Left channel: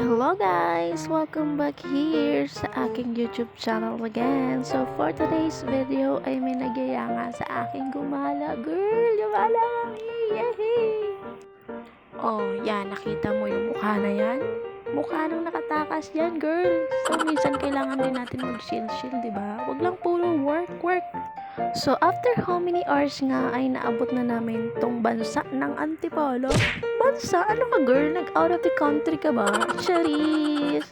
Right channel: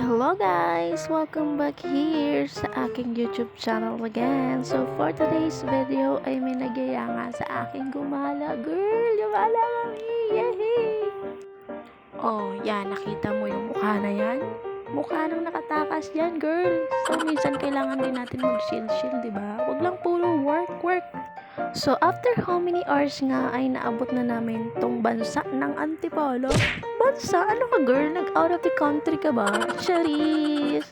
Hello guys! Welcome back here sa aking YouTube channel again. So for today's video ay may nagyaya nga sa aking gumala. Girl, gumala kami! Yehey! Oh, yan. Nakita mo yung mukha na yan? Mukha nang nakatakas yan, girl. So minsan kailangan din natin mag-chill-chill, diba? Wag lang puro work. So, after how many hours nga ay naabot na namin tong bansa ng Antipolo? Bansa? Ano ka girl? Nag-out of the country ka ba? Charis!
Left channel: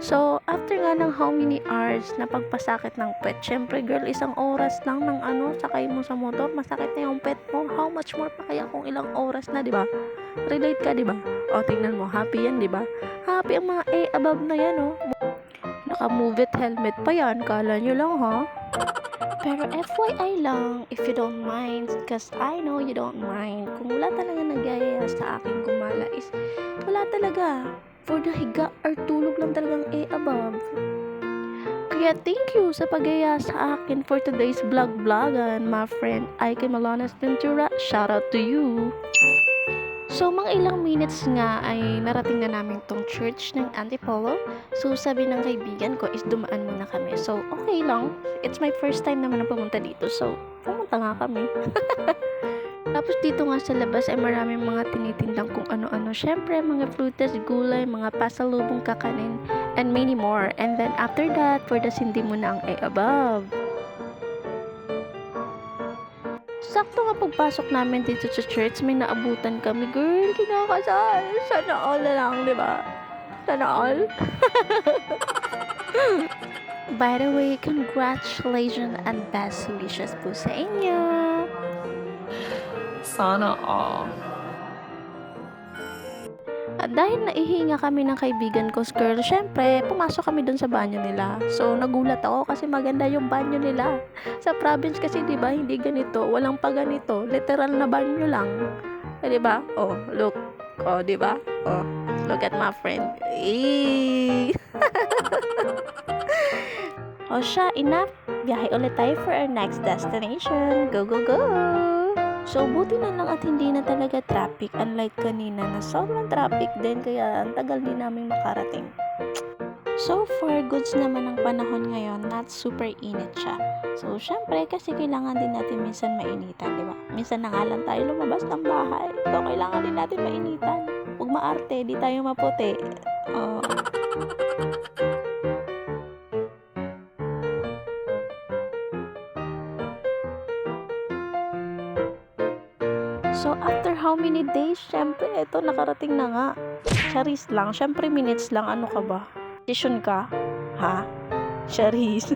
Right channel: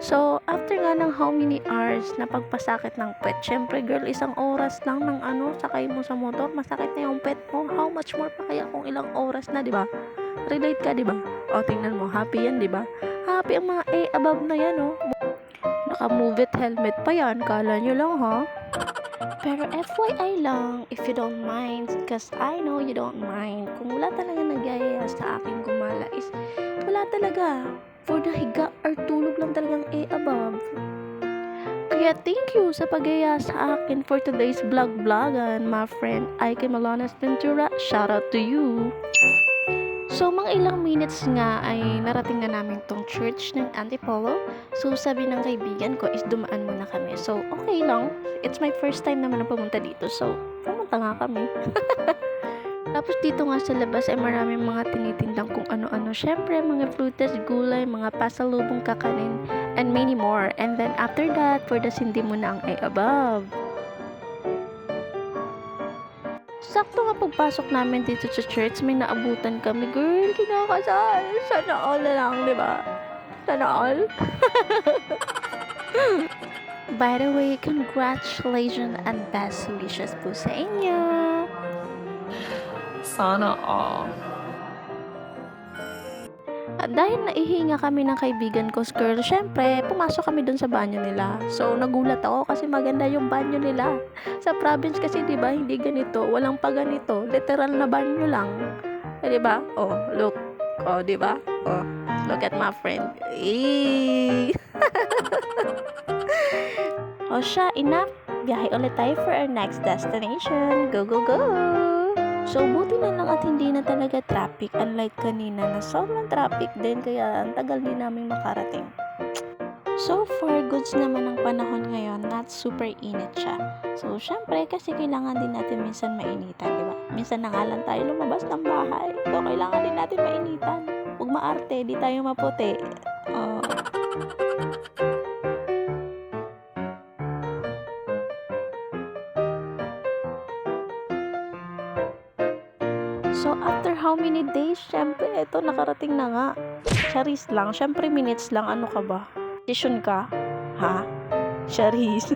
So, after nga ng how many hours na pagpasakit ng pet, syempre girl, isang oras lang ng sakay mo sa motor, masakit na yung pet mo. How much more pa kaya kung ilang oras na, di ba? Relate ka, di ba? O, tingnan mo, happy yan, di ba? Happy ang mga above na yan, oh. Naka-move it helmet pa yan, kala nyo lang, ha? Pero FYI lang, if you don't mind, because I know you don't mind, kung wala talaga nagyayaya sa aking gumala is, wala talaga. For the higa or tulog lang talagang above. Kaya thank you sa pagyaya sa akin for today's vlog-vlogan, my friend Ike Malonas Ventura. Shout out to you! So, mga ilang minutes nga ay narating na namin tong church ng Antipolo. So, sabi ng kaibigan ko is dumaan muna kami. So, okay lang. It's my first time naman na pumunta dito. So, pumunta nga kami. Tapos dito nga sa labas ay maraming mga tinitindang kung ano-ano. Syempre, mga frutas, gulay, mga pasalubong kakanin, and many more. And then after that, for the sindi mo na ang above. Sakto nga pagpasok namin dito sa church, may naabutan kami. Girl, kinakasal. Sana all na lang, di ba? Sana all. By the way, congratulations and best wishes po sa inyo. Sana all. At dahil naihinga kami ng kaibigan ko, girl, syempre, pumasok kami dun sa banyo nila. So, nagulat ako kasi maganda yung banyo nila. Sa province kasi, di ba, hindi ganito. Walang pa ganito. Literal na banyo lang. Di ba? Oh, look. Oh, di ba? Oh, look at my friend. Eee! O siya, enough. Biyahe ulit tayo for our next destination. Go, go, go! So, buti na lang at hindi na talaga traffic. Unlike kanina na sobrang traffic din. Kaya ang tagal din namin makarating. So far, goods naman ang panahon ngayon. Not super init siya. So, syempre, kasi kailangan din natin minsan mainitan, di ba? Minsan na nga lang tayo lumabas ng bahay. So, kailangan din natin mainitan. Huwag maarte, di tayo maputi. So, after how many days, syempre, eto, nakarating na nga. Charis lang. Syempre, minutes lang. Ano ka ba? Decision ka? Ha? Charis.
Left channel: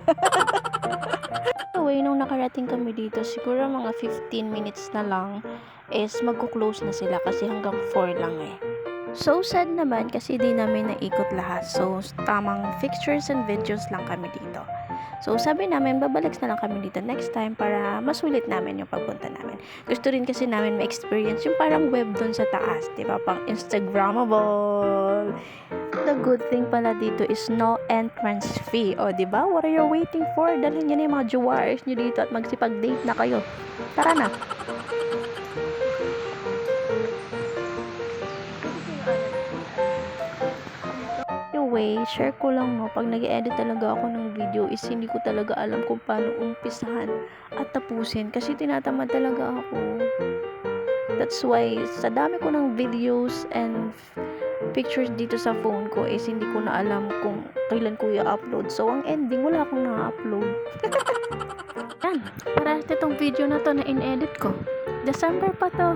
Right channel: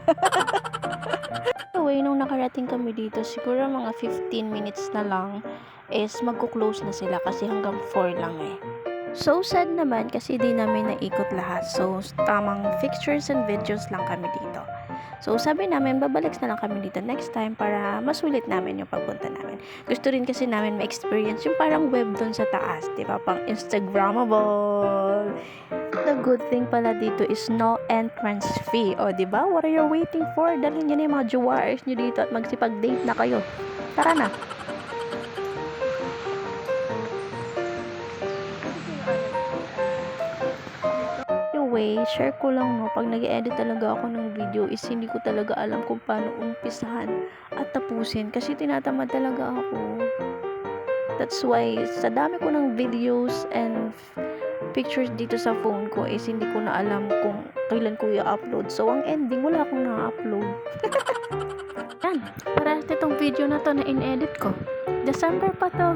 Anyway, nung nakarating kami dito, siguro mga 15 minutes na lang is magko-close na sila kasi hanggang 4 lang eh. So, sad naman kasi di namin naikot lahat. So, tamang pictures and videos lang kami dito. So, sabi namin, babalik na lang kami dito next time para masulit namin yung pagpunta namin. Gusto rin kasi namin ma-experience yung parang web dun sa taas, di ba? Pang Instagrammable. The good thing pala dito is no entrance fee. O, di ba? What are you waiting for? Dalhin nyo na yung mga jewars nyo dito at magsipag-date na kayo. Tara na! Anyway, share ko lang no, pag nag-edit talaga ako ng video is hindi ko talaga alam kung paano umpisahan at tapusin kasi tinatamad talaga ako. That's why sa dami ko ng videos and pictures dito sa phone ko is hindi ko na alam kung kailan ko i-upload. So ang ending, wala akong na-upload. Yan, para itong video na to na in-edit ko. December pa to.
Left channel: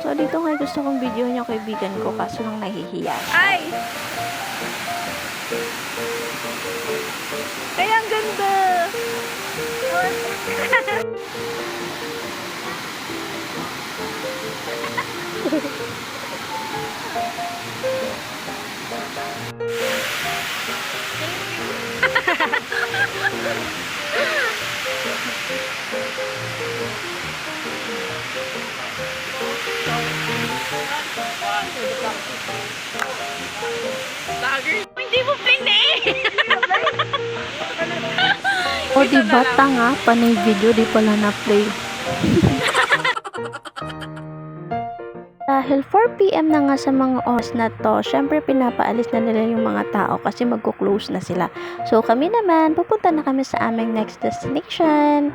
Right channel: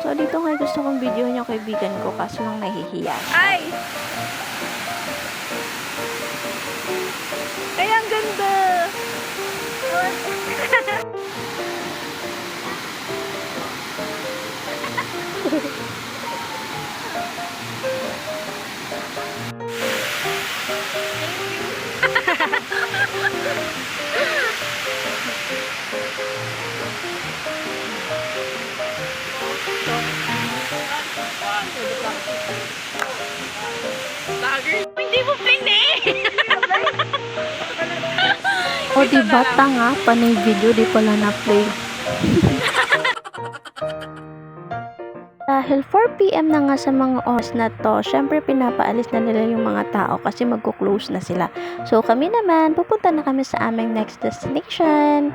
So, dito nga gusto kong video yung kaibigan ko kaso lang nahihiya. Ay! Ay, ang ganda! Hindi mo pline. O diba, tanga, panay video, di pala na-play. Dahil 4 PM na nga sa mga oras na to, syempre pinapaalis na nila yung mga tao kasi magko-close na sila. So kami naman, pupunta na kami sa aming next destination.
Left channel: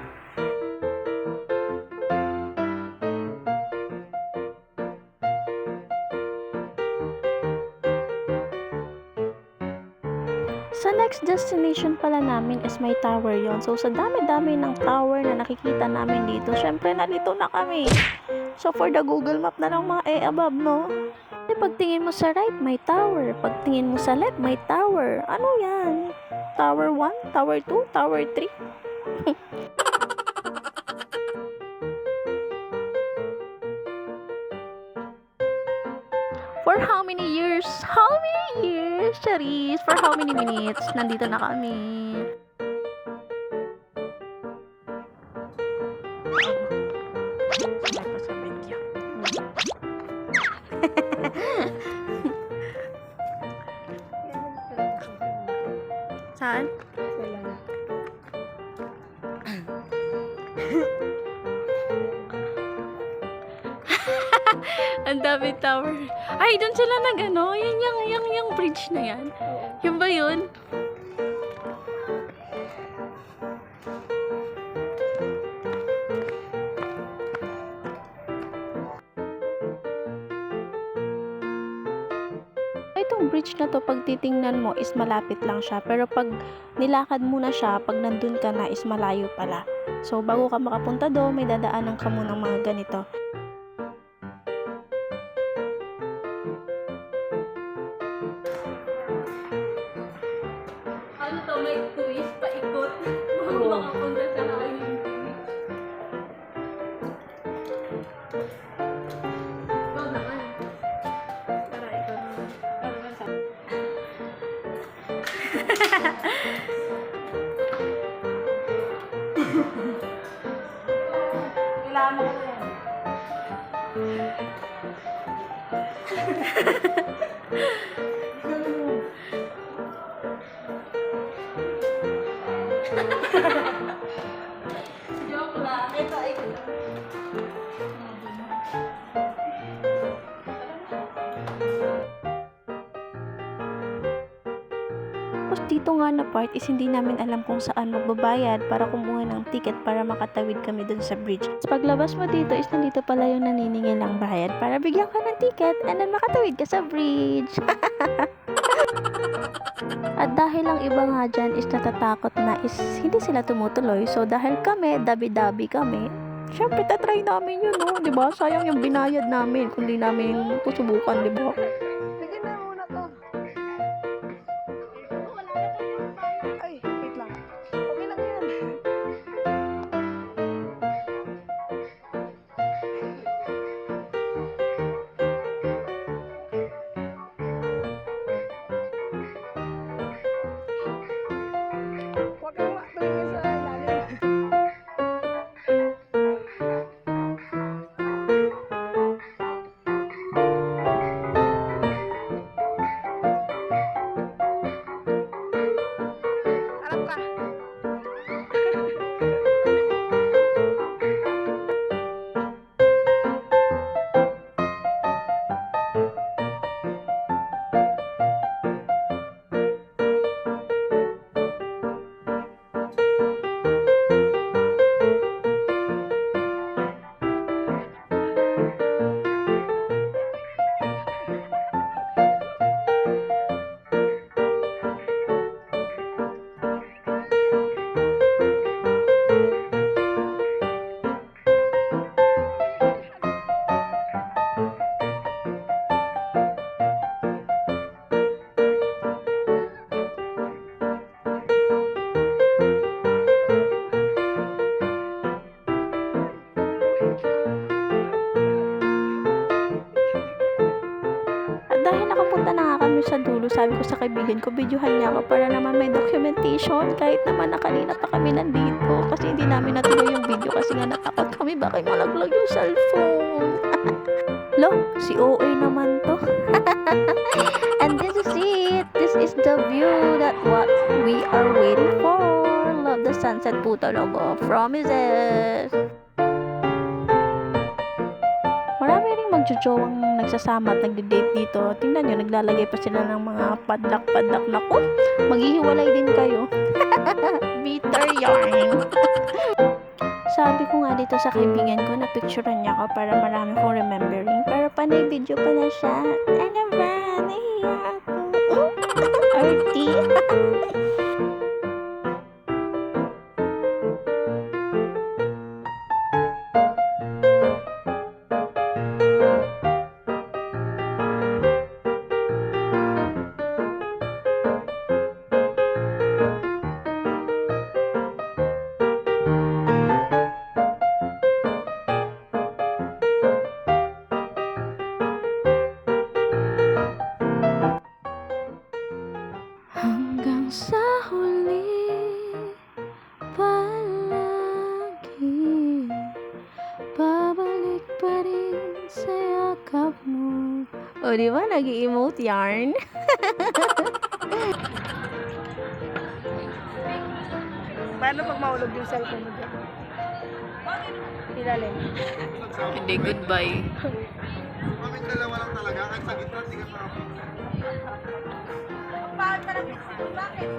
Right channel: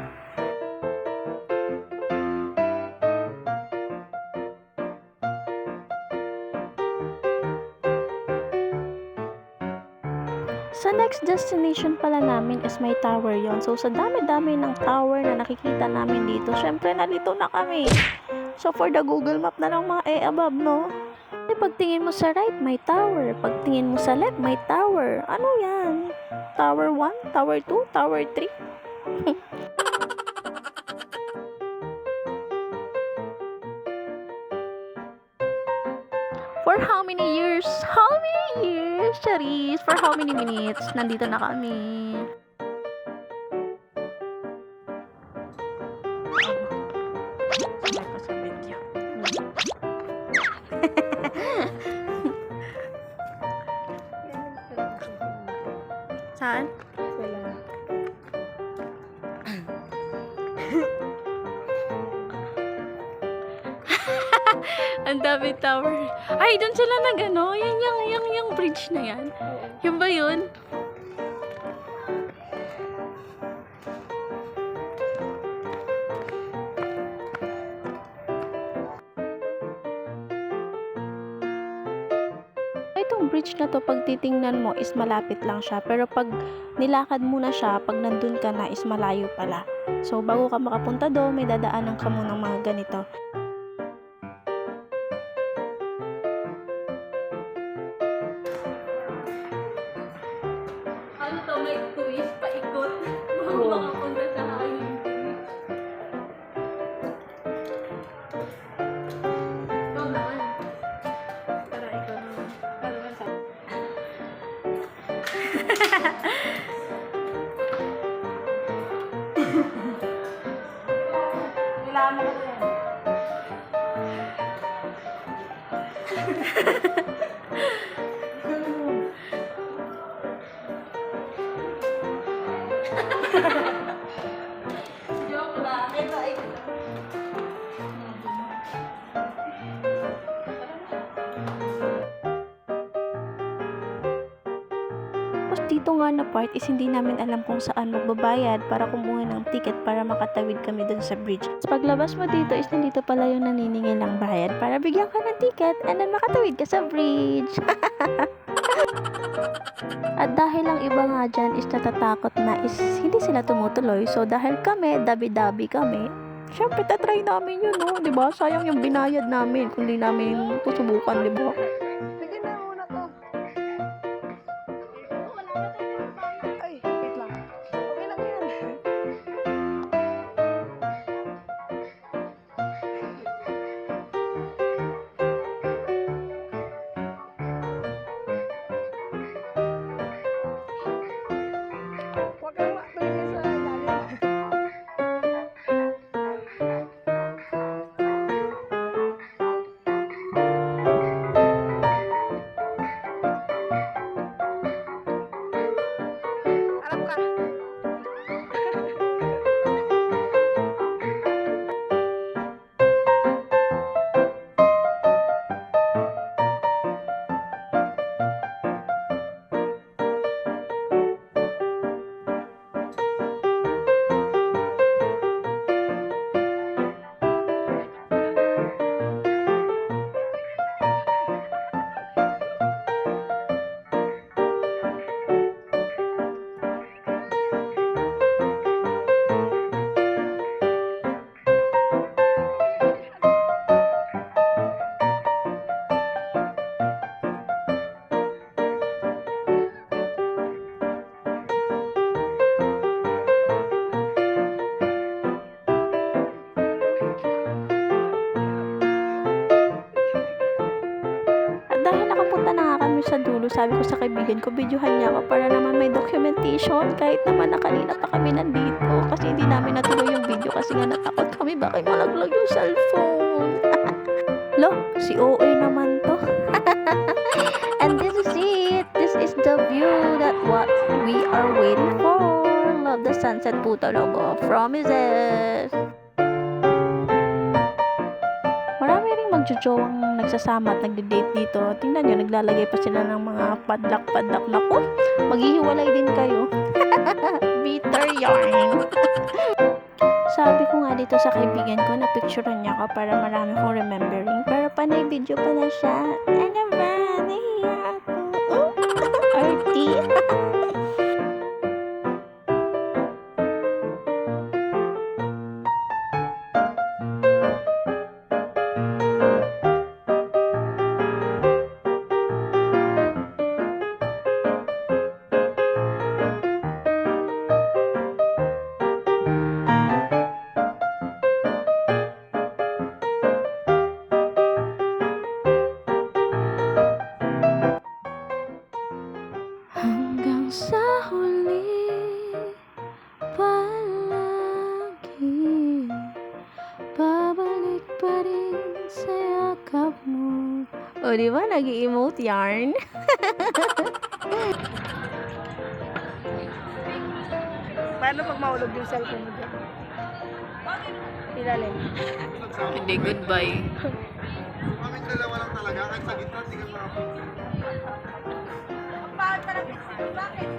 Sa next destination pala namin is may tower yon. So sa dami-dami ng tower na nakikita namin dito, syempre nalito na kami. So for the Google Map na lang mga above, no? Kasi pagtingin mo sa right, may tower. Pagtingin mo sa left, may tower. Ano yan? Tower 1, Tower 2, Tower 3? For how many years? How many years, Charis? For how many minutes? Nandito na kami. May pasabit niya. Saan? Ang dami tower. Ay, doon sila nag-ano. Yan yung bridge na yan. Yung ba yun? Itong bridge na to, pag titingnan mo is malapit lang siya. Pero pag nilakad mo na siya, pag nandun ka na is malayo pala. So, bago ka makapunta doon, may dadaanan ka muna ng mga ganito. Ano to, may twist, paikot. Bago makapunta sa highway bridge. Ikaw naman. Tara, ikaw naman. Ikaw naman sa... Kailangan mo kasi yan. Joke lang. Ito ay... Tapos dito nga na part is hindi namin alam kung saan magbabayad para kumuha ng ticket para makatawid kami dun sa bridge. Tapos paglabas mo dito is nandito pala yung naniningil ng bayad para bigyan ka ng ticket and then makatawid ka sa bridge. At dahil ang iba nga dyan is natatakot na is hindi sila tumutuloy. So dahil kami, dabi-dabi kami, syempre tatry namin yun, no? Diba? Sayang yung binayad namin kung di namin susubukan, diba? Sige na muna to. Ay, wait lang. Okay lang yan. Huwag kang matumingin sa ilalim. Harap ka. At dahil nakapunta na nga kami sa dulo, sabi ko sa kaibigan ko, videohan niya ako para naman may documentation kahit naman na kanina pa kami nandito kasi hindi namin natuloy yung video kasi nga natakot kami baka malaglag yung cellphone. Lo, si OA naman to. And this is it. This is the view that what we are waiting for. Love the sunset po talaga. Promises. Marami ring magjojowang nagsasama at nagde-date dito. Tingnan nyo, naglalagay pa sila ng mga padlak-padlak. Naku, maghihiwalay din kayo. Bitter yarn. Sabi ko nga dito sa kaibigan ko na picturean niya ako para marami kong remembering. Pero panay video pa na siya. Ano ba? Nahiya ako. Arty. Hanggang sa huli palagi babalik pa rin sa yakap mo. O diba nag-i-emote yarn? Paano pag maulog yung cellphone mo dyan? Ilalim. Hindi, goodbye. Bakit dalawa lang talaga? Kahit sa gitna, hindi ka Bakit?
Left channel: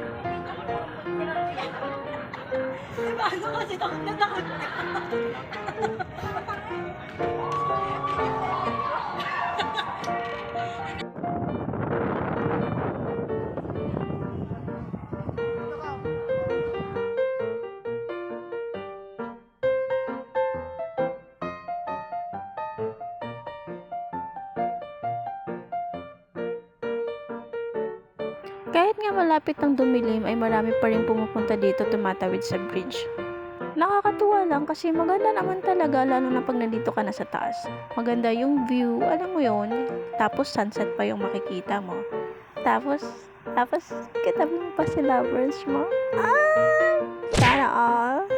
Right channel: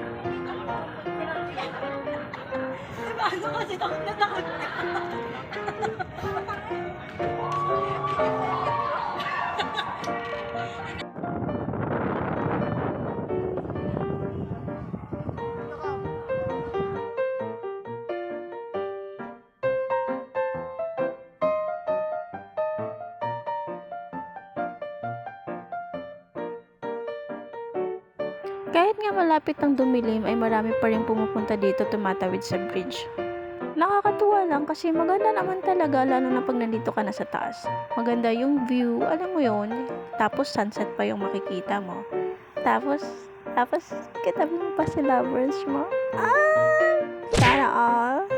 Kahit nga malapit ng dumilim ay marami pa rin pumupunta dito tumatawid sa bridge. Nakakatuwa lang kasi maganda naman talaga lalo na pag nandito ka na sa taas. Maganda yung view, alam mo yon. Tapos sunset pa yung makikita mo. Tapos katabi mo pa si lovers mo. Ah! Sana all.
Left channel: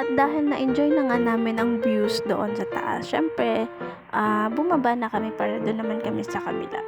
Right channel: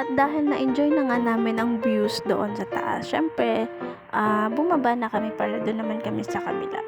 At dahil na-enjoy na nga namin ang views doon sa taas, syempre, bumaba na kami para doon naman kami sa kabila.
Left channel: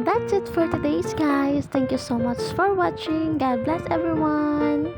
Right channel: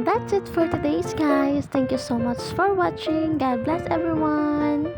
That's it for today's guys. Thank you so much for watching. God bless everyone.